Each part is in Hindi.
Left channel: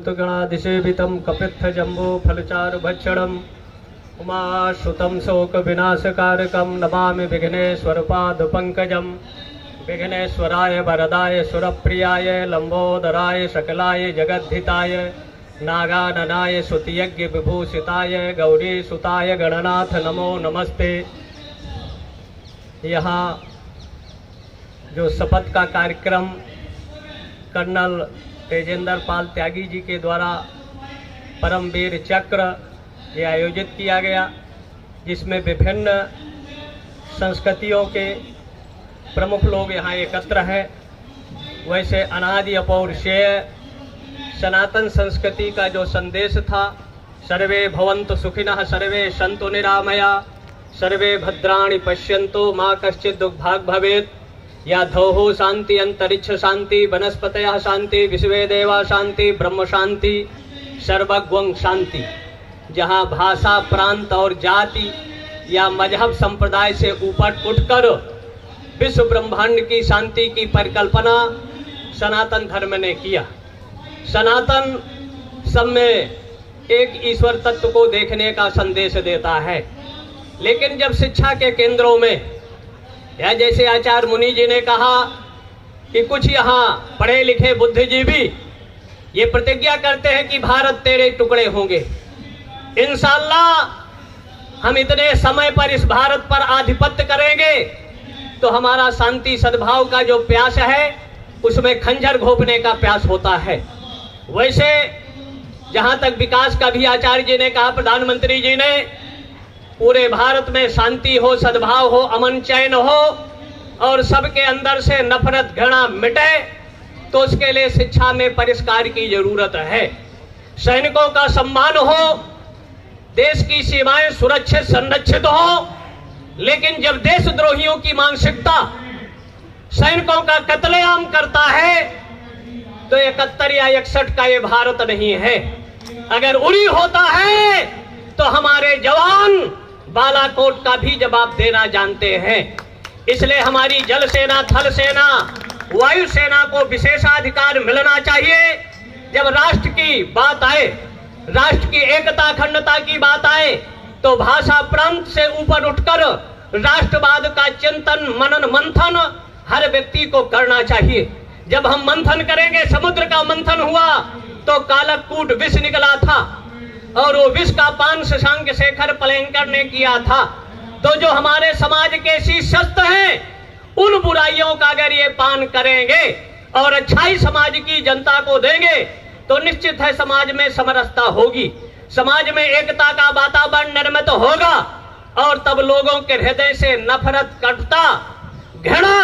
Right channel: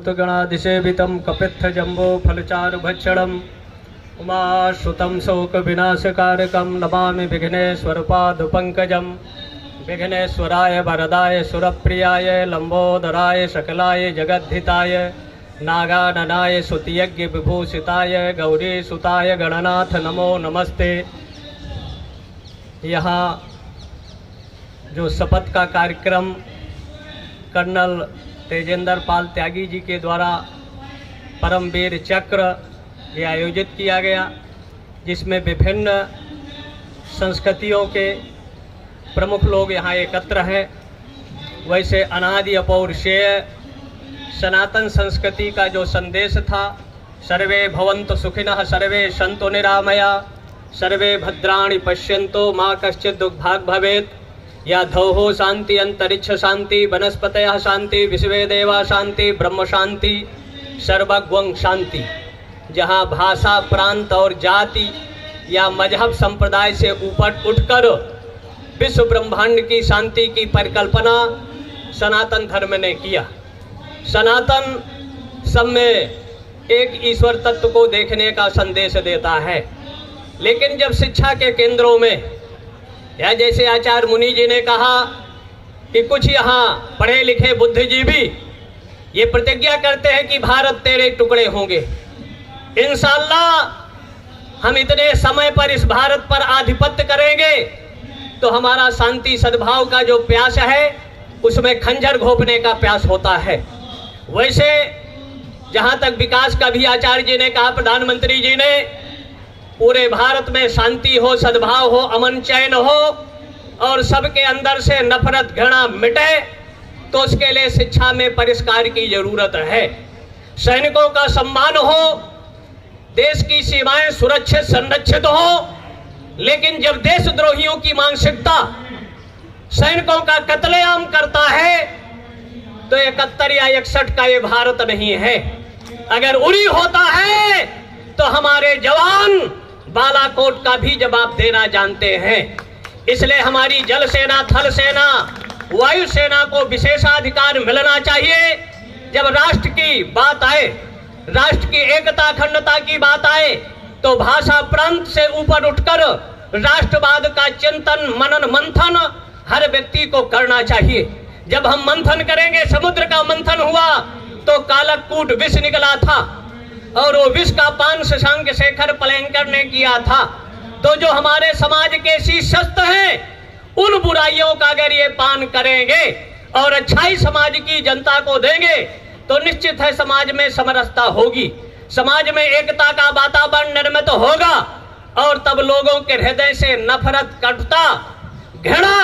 भूतगणाधिसेवितं कपित्थजम्बो फलचारुभक्षणम् उमाश्रुतं शोकविनाशकारकं नमामि विघ्नेश्वरपादपङ्कजं। विघ्नेश्वराय वरदाय सुरप्रियाय लंबोदराय सकलाय जगद्धिताय नागाननाय सुतियज्ञ विभूषिताय गौरीसुताय गणनाथ नमो नमस्ते। यहाँ जो शपथ का कार्यक्रम कर्नल तेजेंद्र पाल त्यागी जी के द्वारा परमवीर चक्र ये आयोजित किया गया, जिसमें विभिन्न संस्कृतियों के प्रमुख लोग यहाँ एकत्र हैं। वैसे अनादि अपौरुषेय सनातन संस्कृति का जो संदेश था, सर्वे भवन्तु सुखिनः सर्वे सन्तु निरामया सर्वे भद्राणि पश्यन्तु माँ कश्चित् दुर्भाग् भवेत्, या धौः शांति अंतरिक्ष शांति वनस्पतयः शांति विश्वे देवा शांति ब्रह्म शांति सर्वगं शांति। जहाँ भाषा प्रांत और जाति या मजहब संप्रदाय से ऊपर उठकर विश्व ब्रह्मांड की शांति की परिकल्पना सनातन धर्म ने किया। सनातन सब में एक ईश्वर तत्व को देखने का संदेश देता है, लेकिन जब शिक्षा के केंद्रों में या जैसे आचार्य मुनि जी ने कहा कि कुछ यहाँ पढ़े लिखे बुद्धिजीवी ये प्रतिज्ञा करते हैं कि भारत तेरे टुकड़े होंगे, इंशाअल्लाह हम इतने समय पर इस भारत पर आधिपत्य करेंगे तो हमारा शांति सद्भाव का जो प्यास है उसमें खंजर घोंपने का प्यास होता है। वैसे जहां तक विकास का भी आचार्य जी ने कहा, प्रधानमंत्री जी ने, पूरे भारत में शांति हो, सद्भाव हो, अमन चैन हो और सबके अंदर से नफरत घृणा मिटे, तो उसके लिए शिक्षा में परिष्कार की जरूरत है। सैनिकों का सम्मान हो, देश की सीमाएं सुरक्षित संरक्षित हो, लेकिन जब देशद्रोहियों की मानसिकता सैनिकों का कत्लेआम करता है तो 71 या 61 का ये भारत नहीं है। अगर उरी होता है तो हमारे जवान बालाकोट का भी जवाब देना जानते हैं। इसलिए हमारी जल सेना, थल सेना, वायु सेना को विशेषाधिकार मिलना चाहिए। जब राष्ट्र की बात आए, राष्ट्र की एकता अखंडता की बात आए, तो भाषा प्रांत से ऊपर उठकर राष्ट्रवाद का चिंतन मनन मंथन हर व्यक्ति को करना चाहिए। जब हम मंथन करेंगे, समुद्र का मंथन हुआ तो कालकूट विष निकला था और वो विष का पान शशांक शेखर पलंकर ने किया था। तो जो हमारे समाज के शीर्षस्थ हैं, उन बुराइयों का अगर ये पान करेंगे और अच्छाई समाज की जनता को देंगे तो निश्चित है समाज में समरसता होगी, समाज में एकता का वातावरण निर्मित होगा और तब लोगों के हृदय से नफरत, कटुता, घृणा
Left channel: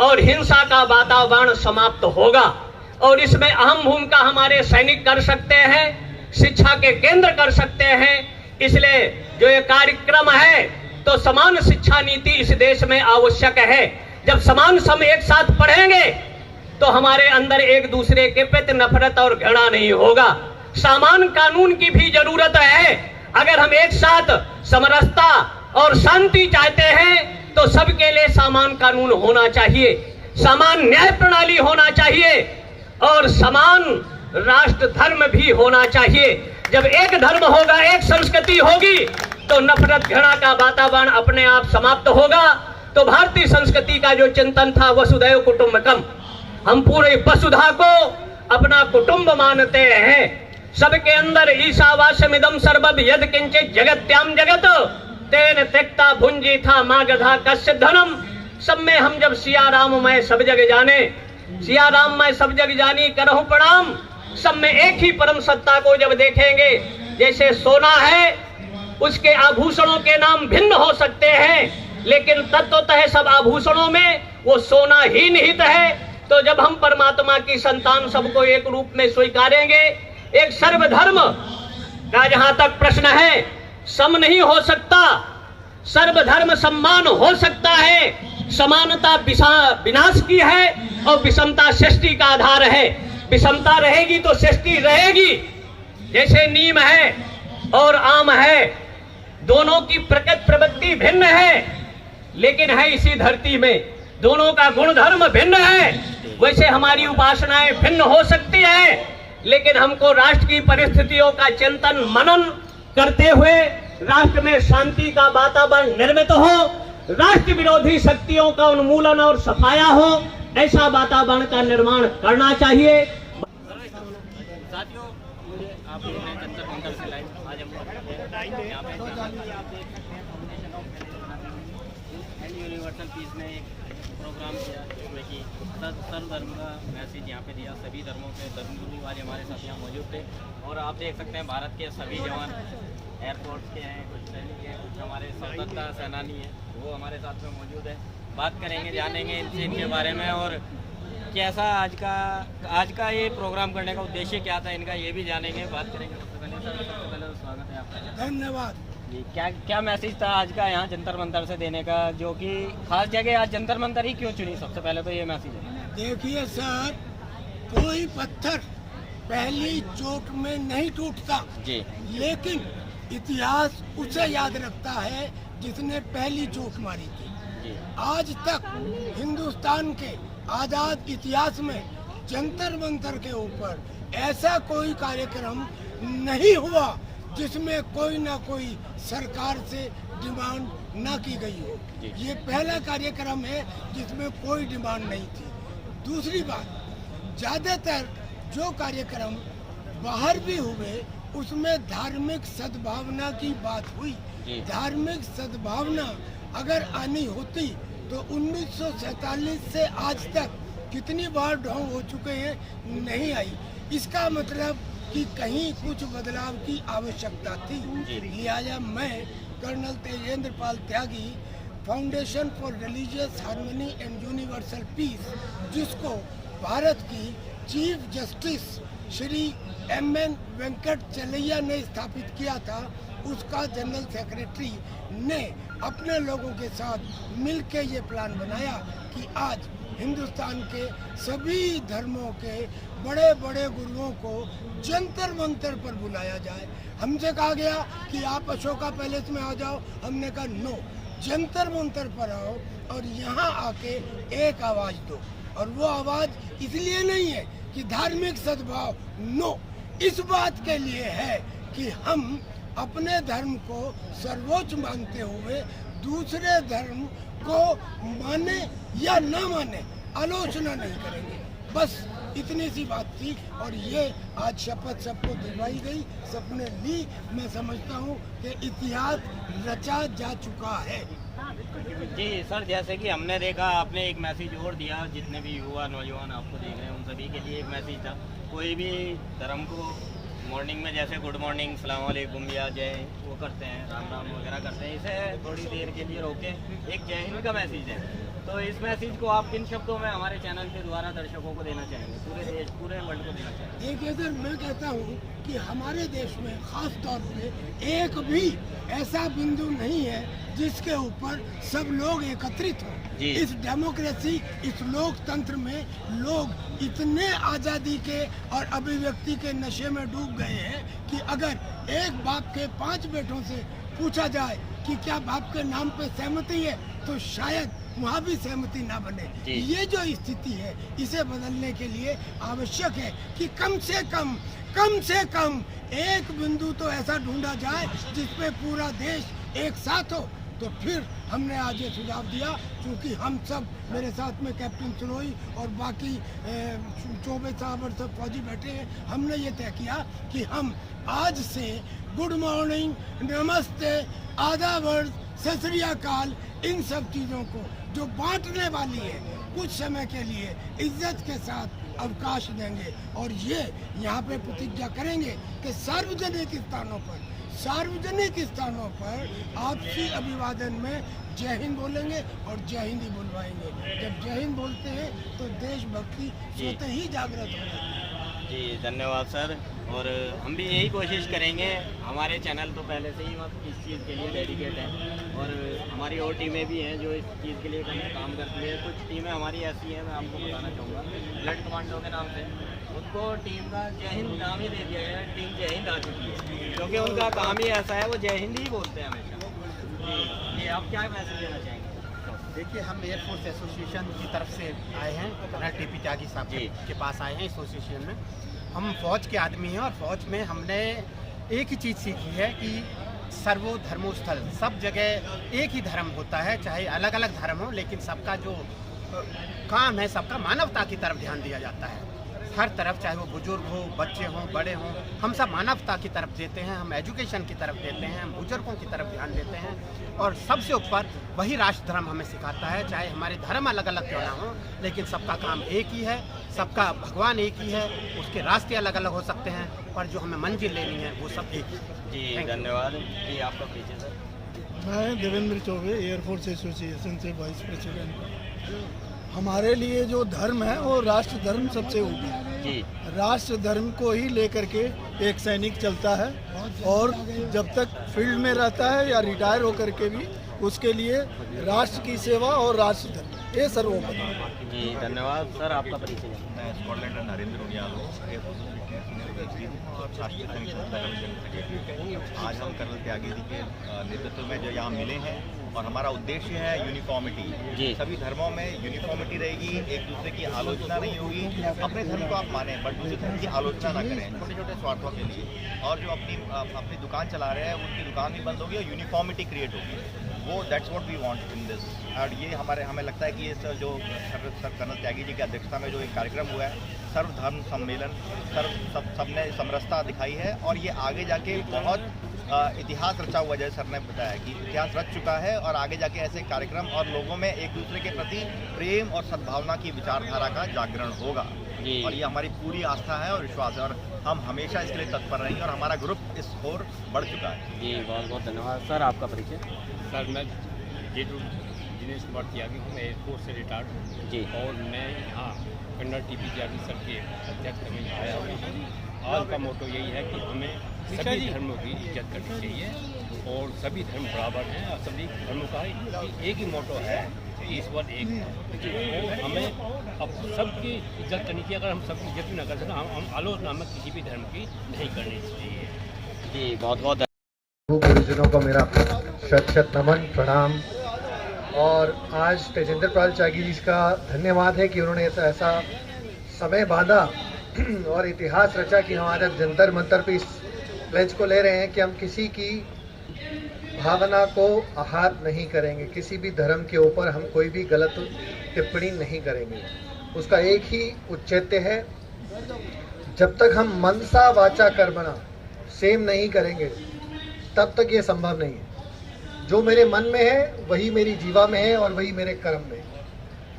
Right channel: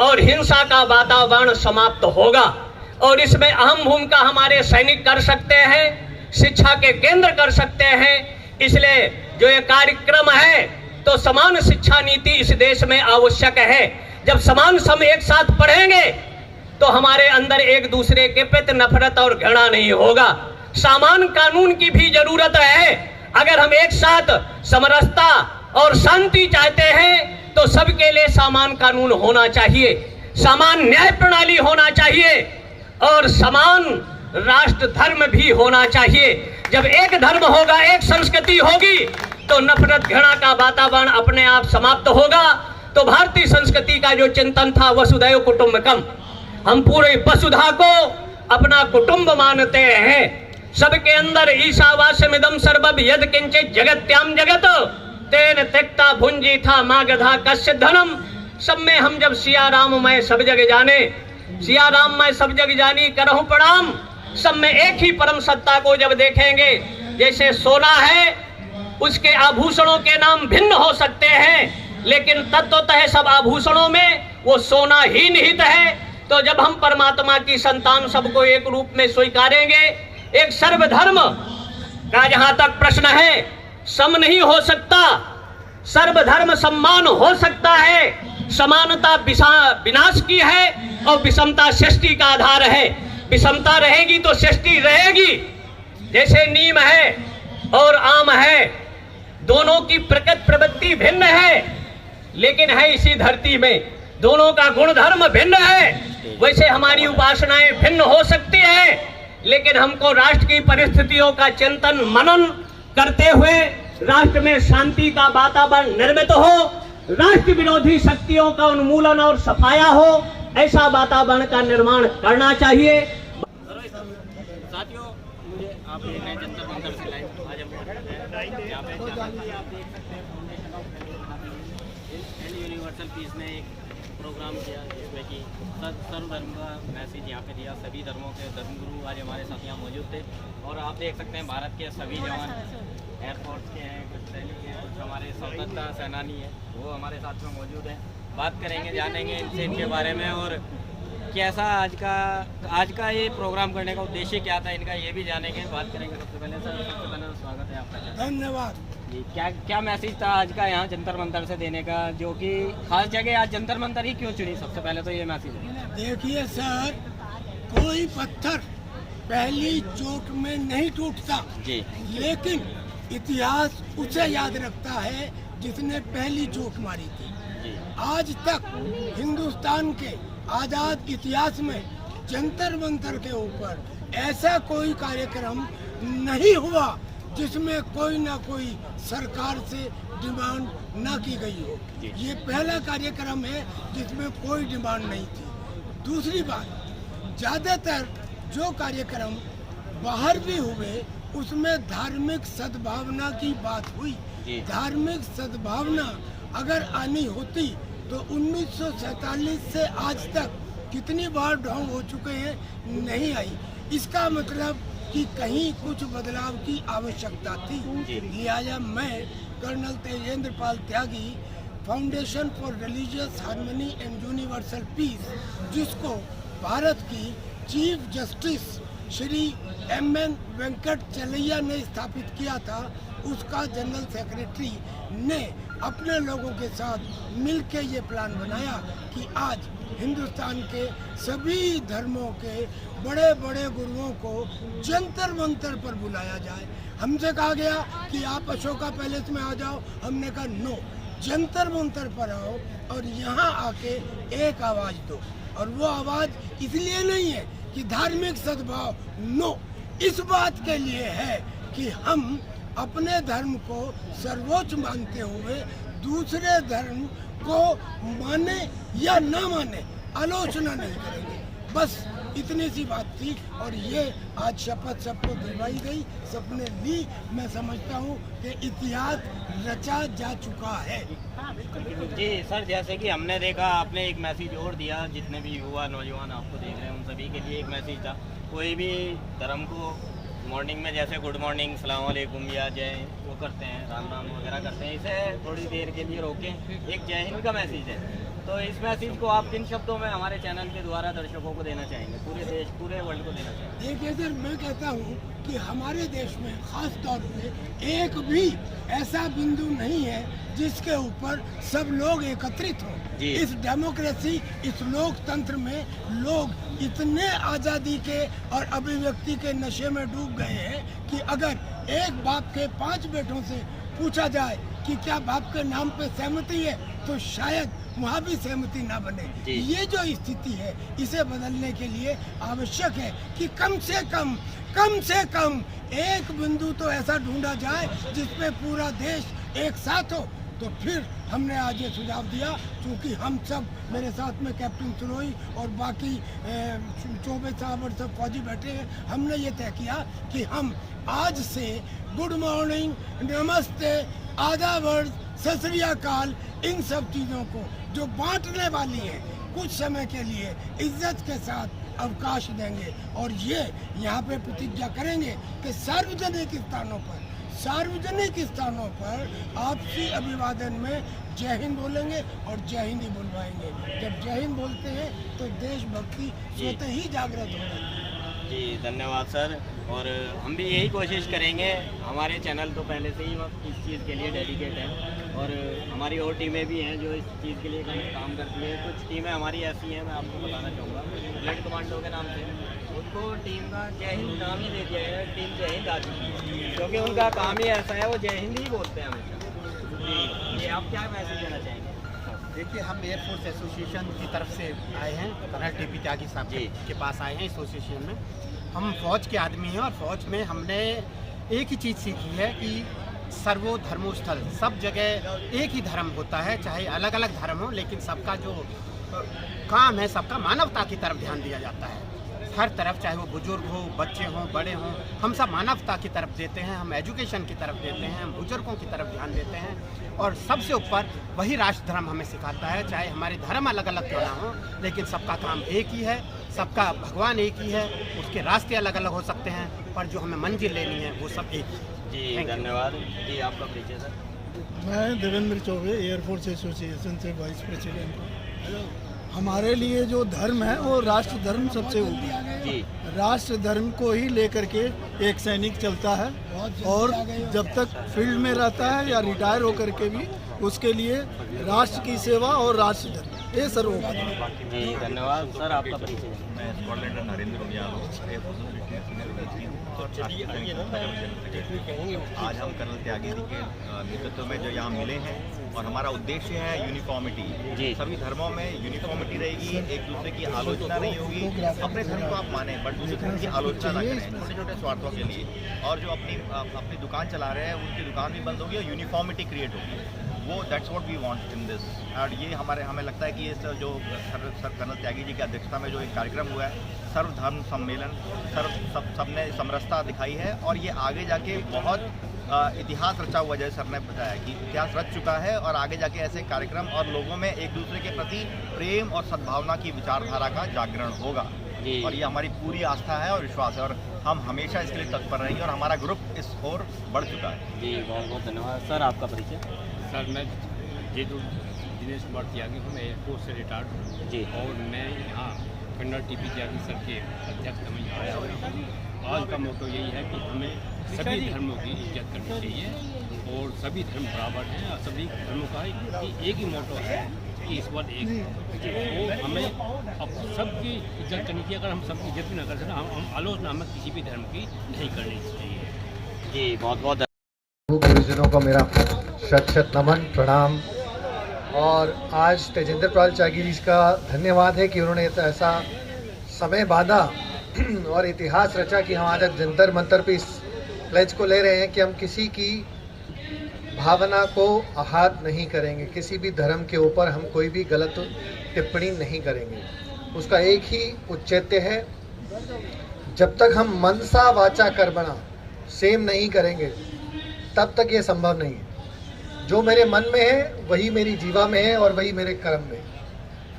और हिंसा का वातावरण समाप्त होगा। और इसमें अहम भूमिका हमारे सैनिक कर सकते हैं, शिक्षा के केंद्र कर सकते हैं। इसलिए जो ये कार्यक्रम है तो समान शिक्षा नीति इस देश में आवश्यक है। जब समान सम एक साथ पढ़ेंगे तो हमारे अंदर एक दूसरे के प्रति नफरत और घृणा नहीं होगा। सामान कानून की भी जरूरत है। अगर हम एक साथ समरसता और शांति चाहते हैं तो सबके लिए समान कानून होना चाहिए, समान न्याय प्रणाली होना चाहिए और समान राष्ट्र धर्म भी होना चाहिए। जब एक धर्म होगा, एक संस्कृति होगी तो नफरत घृणा का वातावरण अपने आप समाप्त होगा। तो भारतीय संस्कृति का जो चिंतन था वसुधैव कुटुंबकम, हम पूरे वसुधा को अपना कुटुंब मानते हैं। सबके अंदर ईशावास्यमिदं सर्वम् यद् किंचित् जगत्याम जगत तेन त्यक्ता भुंजी था मागधा कस्य धनम। सब में हम जब सिया राम मैं सब जग जाने, सिया राम मैं सब जग जानी करहूं प्रणाम, सब में एक ही परम सत्ता को जब देखेंगे, जैसे सोना है उसके आभूषणों के नाम भिन्न हो सकते हैं, लेकिन तत्वतः सब आभूषणों में वो सोना ही निहित है। तो जब हम परमात्मा की संतान सबको एक रूप में स्वीकारेंगे, एक सर्वधर्म का जहां तक प्रश्न है, सम नहीं हो सकता, सर्वधर्म सम्मान हो सकता है। समानता विनाश की है और विषमता सृष्टि का आधार है। विषमता रहेगी तो सृष्टि रहेगी। जैसे नीम है और आम है, दोनों की प्रकृति प्रवृत्ति भिन्न है, लेकिन है इसी धरती में। दोनों का गुण धर्म भिन्न है। वैसे हमारी उपासनाएं भिन्न हो सकती हैं, लेकिन हमको राष्ट्र की परिस्थितियों का चिंतन मनन करते हुए राष्ट्र में शांति का वातावरण निर्मित हो, राष्ट्र विरोधी शक्तियों का उन्मूलन और सफाया हो, ऐसा वातावरण का निर्माण करना चाहिए। साथियों, मुझे आप देख रहे हैं जंतर मंतर से लाइव। आज हम मौजूद हैं यहाँ पे, आप देख सकते हैं foundation of and universal piece ने एक प्रोग्राम किया जिसमें कि सर्वधर्म का मैसेज यहाँ पे दिया। सभी धर्मों के धर्मगुरु आज हमारे साथ यहाँ मौजूद थे और आप देख सकते हैं भारत के सभी जवान एयरफोर्स के हैं, कुछ सैनिक हैं, कुछ हमारे स्वतंत्रता सेनानी हैं, वो हमारे साथ में मौजूद हैं। बात करेंगे, जानेंगे इनके बारे में और कैसा आज का ये प्रोग्राम करने का उद्देश्य क्या था इनका, ये भी जानेंगे, बात करेंगे। सबसे पहले तो स्वागत है आपका। धन्यवाद। जी, क्या मैसेज था आज का यहाँ जंतर मंतर से देने का, जो कि खास जगह आज जंतर मंतर ही क्यों चुनी? सबसे पहले तो ये मैसेज है। देखिए सर, कोई पत्थर पहली चोट में नहीं टूटता जी, लेकिन इतिहास उसे याद रखता है जिसने पहली चोट मारी थी। जी, आज तक हिंदुस्तान के आजाद इतिहास में जंतर मंतर के ऊपर ऐसा कोई कार्यक्रम नहीं हुआ जिसमें कोई ना कोई सरकार से डिमांड ना की गई हो। ये पहला कार्यक्रम है जिसमें कोई डिमांड नहीं थी। दूसरी बात, ज्यादातर जो कार्यक्रम बाहर भी हुए उसमें धार्मिक सद्भावना की बात हुई। धार्मिक सद्भावना अगर आनी होती तो 1947 से आज तक कितनी बार ढोंग हो चुके हैं, नहीं आई। इसका मतलब कि कहीं कुछ बदलाव की आवश्यकता थी। लिहाजा मैं colonel Tejendra Pal Tyagi, foundation for religious harmony and universal peace, जिसको भारत की chief justice Shri M.N. Venkatachaliah ने स्थापित किया था, उसका जनरल सेक्रेटरी ने अपने लोगों के साथ मिलकर ये प्लान बनाया कि आज हिंदुस्तान के सभी धर्मों के बड़े बड़े गुरुओं को जंतर मंतर पर बुलाया जाए। हमसे कहा गया कि आप अशोका पैलेस में आ जाओ, हमने कहा नो, जंतर मंतर पर आओ और यहाँ आके एक आवाज़ दो। और वो आवाज़ इसलिए नहीं है कि धार्मिक सद्भाव, नो, इस बात के लिए है कि हम अपने धर्म को सर्वोच्च मानते हुए दूसरे धर्म को माने या ना माने आलोचना नहीं करेंगे। बस इतनी सी बात थी और ये आज शपथ सबको दिलवाई गई, सबने ली। मैं समझता हूँ कि इतिहास रचा जा चुका है। जी सर, जैसे कि हमने देखा, आपने एक मैसेज और दिया, जितने भी युवा नौजवान आपको देख रहे हैं उन सभी के लिए एक मैसेज था। कोई भी धर्म को मॉर्निंग में जैसे गुड मॉर्निंग, सलाम वालेकुम या जय वो करते हैं, राम राम वगैरह करते हैं, इसे थोड़ी देर के लिए रोकें। एक जय हिंद का मैसेज है, तो इस मैसेज को आप किन शब्दों में हमारे चैनल के द्वारा दर्शकों को देना चाहेंगे, पूरे देश, पूरे वर्ल्ड को देना चाहेंगे? देखिए सर, मैं कहता हूँ कि हमारे देश में खास तौर पे एक भी ऐसा बिंदु नहीं है जिसके ऊपर सब लोग एकत्रित हों। इस डेमोक्रेसी, इस लोकतंत्र में लोग इतने आज़ादी के और अभिव्यक्ति के नशे में डूब गए हैं कि अगर एक बाप के 5 बेटों से पूछा जाए कि क्या बाप के नाम पे सहमति है, तो शायद वहाँ भी सहमति ना बने। ये जो स्थिति है, इसे बदलने के लिए आवश्यक है कि कम से कम एक बिंदु तो ऐसा ढूंढा जाए जिसपे पूरा देश एक साथ हो। तो फिर हमने आज ये सुझाव दिया, क्योंकि हम सब, मेरे साथ में कैप्टन सुरोई और बाकी 24 साहब और सब फौजी बैठे हैं, हमने ये तय किया कि हम आज से गुड मॉर्निंग, नमस्ते, आदाब, सत श्री अकाल, इन सब चीज़ों को जो बांटने वाली हैं, कुछ समय के लिए इज्जत के साथ अवकाश देंगे और ये यहाँ पे प्रतिज्ञा करेंगे कि सार्वजनिक स्थानों पर आपसी अभिवादन में जय हिंद बोलेंगे और जय हिंद ही बुलवाएंगे। जब जय हिंद बोलते हैं तो देशभक्ति स्वतः ही जागृत हो जाती है। जी धन्यवाद सर, और हम भी यही कोशिश करेंगे। हमारे चैनल तो पहले से ही इस चीज़ के लिए डेडिकेट है और हमारी और टीमें भी हैं जो इस चीज़ के लिए काम करती है। कुछ टीमें हमारी ऐसी हैं, मैं आपको बताना चाहूँगा, ब्लड कमांडो के नाम से उनको टीम का जय हिंद नाम ही दे दिया गया है। टीम जय हिंद आ चुकी है क्योंकि उनका काम ही ऐसा है, वो जय हिंद ही बोलते हैं हमेशा। जी, आप क्या मैसेज देना चाहेंगे? देखिए, हम एयरफोर्स एसोसिएशन की तरफ से आए हैं, कर्नल टीपी त्यागी साहब के पास आए हैं एसोसिएशन में। हम फौज के आदमी हैं और फौज में हमने एक ही चीज़ सीखी है कि सर्वो धर्मोस्थल, सब जगह एक ही धर्म होता है, चाहे अलग अलग धर्म हो, लेकिन सबका जो काम है सबका मानवता की तरफ ध्यान दिया जाता है। हर तरफ, चाहे वो बुजुर्ग हो, बच्चे हों, बड़े हों, हम सब मानवता की तरफ देते हैं, हम एजुकेशन की तरफ देते हैं, हम बुजुर्गों की तरफ ध्यान देते हैं। और सबसे ऊपर वही राष्ट्र धर्म हमें सिखाता है, चाहे हमारे धर्म अलग अलग क्यों ना हो, लेकिन सबका काम एक ही है, सबका भगवान एक ही है। उसके रास्ते अलग अलग हो सकते हैं, पर जो हमें मंजिल लेनी है वो सब एक ही है। जी धन्यवाद। जी आपका परिचय सर। मैं देवेंद्र चौबे, एयरफोर्स एसोसिएशन से वाइस प्रेसिडेंट हूँ। हमारे लिए जो धर्म है वो राष्ट्र धर्म सबसे ऊपर है जी। राष्ट्र धर्म को ही लेकर के एक सैनिक चलता है, और जब तक फील्ड में रहता है या रिटायर होकर के भी उसके लिए राष्ट्र की सेवा और राष्ट्र धर्म ये सर्वोपरि है। जी धन्यवाद सर। आपका परिचय। मैं स्कॉटलैंड का नरेंद्र उनियाल हूँ, एयरफोर्स एसोसिएशन में सीनियर वेलफील्ड और राष्ट्रीय सैनिक संस्था का भी जनरल सेक्रेटरी हूँ। आज हम कर्नल त्यागी जी के नेतृत्व में जो यहाँ मिले हैं, और हमारा उद्देश्य है यूनिफॉर्मिटी। सभी धर्मों में यूनिफॉर्मिटी रहेगी, एक दूसरे की आलोचना नहीं होगी। अपने धर्म को आप माने, बट दूसरे धर्म की आलोचना ना करें छोटे छोटे स्वार्थों के लिए। और जो अपनी दुकान चला रहे हैं उनकी दुकान भी बंद होगी और यूनिफॉर्मिटी क्रिएट होगी। वो that's what we want in this. और ये हमें लगता है कि ये जो सर कर्नल त्यागी जी की अध्यक्षता में जो एक कार्यक्रम हुआ है, सर्वधर्म सम्मेलन, सबने समरसता दिखाई है, और ये आगे जाके बहुत इतिहास रचा हुआ, जैसे सर ने बताया कि इतिहास रच चुका है, और आगे जाके ऐसे कार्यक्रम और लोगों में एक दूसरे के प्रति प्रेम और सद्भावना की विचारधारा का जागरण होगा। और ये हमारी पूरी आस्था है और विश्वास है, और हम हमेशा इसके लिए तत्पर रहेंगे, और हमारा ग्रुप इस ओर बढ़ चुका है। जी बहुत बहुत धन्यवाद सर। आपका परिचय। सर मैं दिनेश कुमार त्यागी हूँ, मैं एयरफोर्स से रिटायर्ड हूँ जी। और मैं यहाँ कर्नल टीपी त्यागी सर के अध्यक्ष में आया हुआ हूँ। आज का मोटो यही है कि हमें सभी धर्मों की इज्जत करनी चाहिए, और सभी धर्म बराबर हैं, और सभी धर्मों का एक ही मोटो है कि ईश्वर एक है। और हमें अब सबकी इज्जत करनी चाहिए। अगर हम सबकी इज्जत भी न कर सकें, हम आलोचना हमें किसी भी धर्म की नहीं करनी चाहिए। जी बहुत बहुत गुरुजनों को मेरा शत शत नमन प्रणाम। और आज तेजेंद्र पाल त्यागी जी का धन्यवाद है कि उन्होंने ऐसा समय बांधा और इतिहास रचा कि हम आज जंतर मंतर पे इस प्लेज को ले रहे हैं कि हम किसी की भावना को आहत नहीं करेंगे, किसी भी धर्म के ऊपर हम कोई भी गलत टिप्पणी नहीं करेंगे। उसका एक ही उच्चेत्य है, जब तक हम मनसा वाचा कर्मणा सेम नहीं करेंगे तब तक ये संभव नहीं है। जो मेरे मन में है वही मेरी जीवा में है और वही मेरे कर्म में।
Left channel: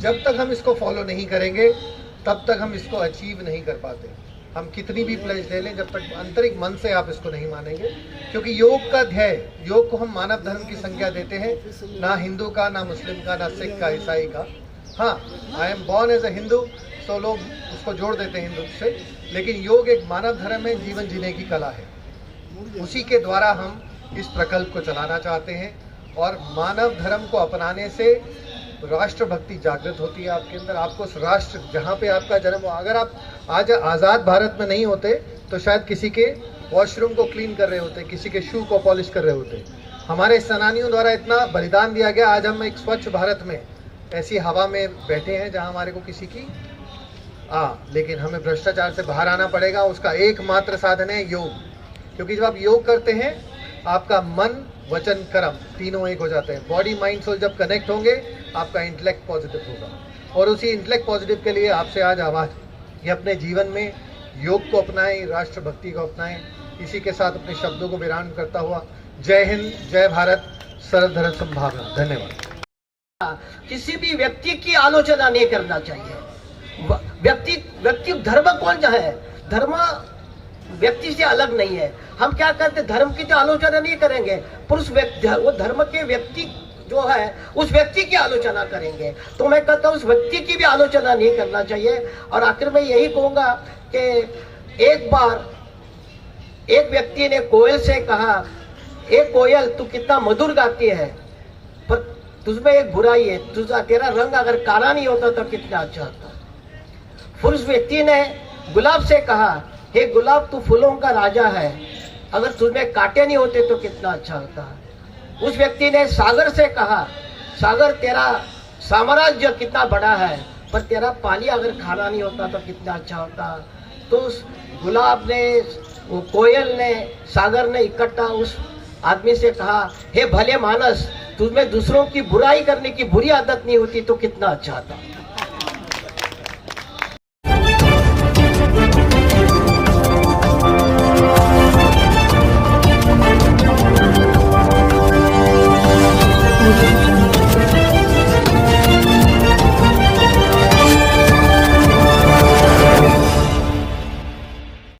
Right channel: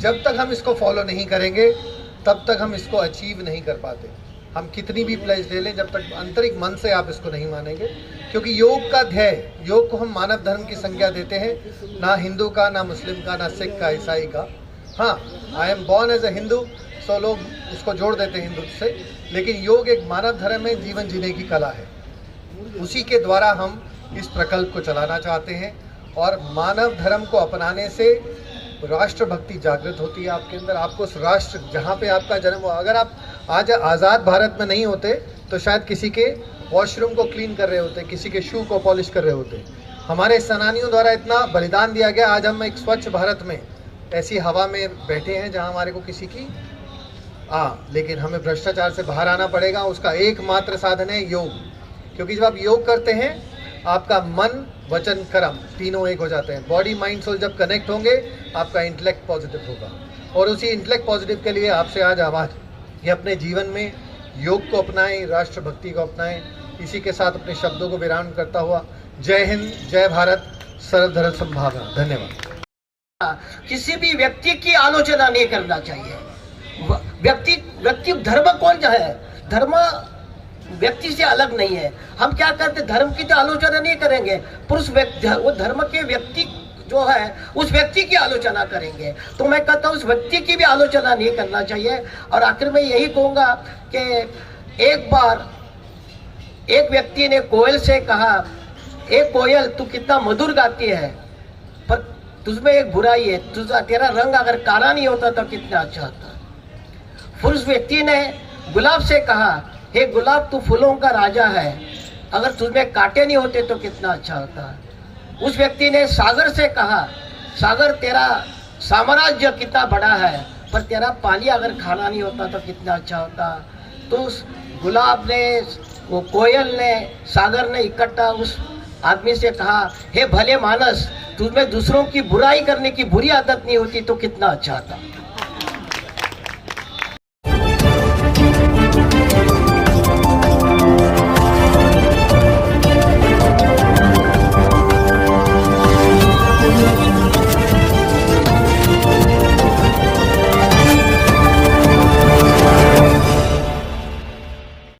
जब तक हम इसको फॉलो नहीं करेंगे तब तक हम इसको अचीव नहीं कर पाते। हम कितनी भी प्लेज ले लें, जब तक आंतरिक मन से आप इसको नहीं मानेंगे, क्योंकि योग का ध्येय, योग को हम मानव धर्म की संज्ञा देते हैं, ना हिंदू का, ना मुस्लिम का, ना सिख का, ईसाई का। हाँ, I am born as a Hindu, so लोग उसको जोड़ देते हैं हिंदू से, लेकिन योग एक मानव धर्म है, जीवन जीने की कला है। उसी के द्वारा हम इस प्रकल्प को चलाना चाहते हैं, और मानव धर्म को अपनाने से राष्ट्र भक्ति जागृत होती है आपके अंदर। आपको उस राष्ट्र जहाँ पे आपका जन्म हो, अगर आप आज आज़ाद भारत में नहीं होते तो शायद किसी के वॉशरूम को क्लीन कर रहे होते, किसी के शू को पॉलिश कर रहे होते। हमारे सेनानियों द्वारा इतना बलिदान दिया गया, आज हम एक स्वच्छ भारत में ऐसी हवा में बैठे हैं जहाँ हमारे को किसी की लेकिन हमें भ्रष्टाचार से बाहर आना पड़ेगा। उसका एकमात्र साधन है योग, क्योंकि जब आप योग करते हैं आपका मन वचन कर्म तीनों एक हो जाते हैं। बॉडी माइंड सोल जब कनेक्ट होंगे आपका इंटेलेक्ट पॉजिटिव होगा, और उसी इंटेलेक्ट पॉजिटिव के लिए आपसे आज आवाज कि अपने जीवन में योग को अपनाएं, राष्ट्रभक्ति को अपनाएं। इसी के साथ अपने शब्दों को विराम करता हुआ जय हिंद, जय भारत, सर्वधर्म संभावना। धन्यवाद। किसी भी व्यक्ति की आलोचना नहीं करना चाहिए। व्यक्ति धर्म कौन सा है? धर्म व्यक्ति से अलग नहीं है। हम क्या करते, धर्म की तो आलोचना नहीं करेंगे, पुरुष व्यक्ति, वो धर्म के व्यक्ति जो है उस व्यक्ति की आलोचना करेंगे। तो मैं कहता हूँ उस व्यक्ति की भी आलोचना नहीं करना चाहिए। और आखिर में यही कहूंगा कि एक बार एक व्यक्ति ने कोयल से कहा, ए कोयल तू कितना मधुर गाती है, पर तुझमें एक बुराई है, तेरा रंग अगर काला नहीं होता तो कितना अच्छा होता। फिर उस व्यक्ति ने गुलाब से कहा, हे गुलाब तू फूलों का राजा है, अगर तुझमें कांटे नहीं होते तो कितना अच्छा होता। उस व्यक्ति ने सागर से कहा, सागर तेरा साम्राज्य कितना बड़ा है, पर तेरा पानी अगर खाना नहीं होता तो कितना अच्छा होता। तो उस गुलाब ने, वो कोयल ने, सागर ने इकट्ठा उस आदमी से कहा, हे भले मानस, तुझमें दूसरों की बुराई करने की बुरी आदत नहीं होती तो कितना अच्छा था।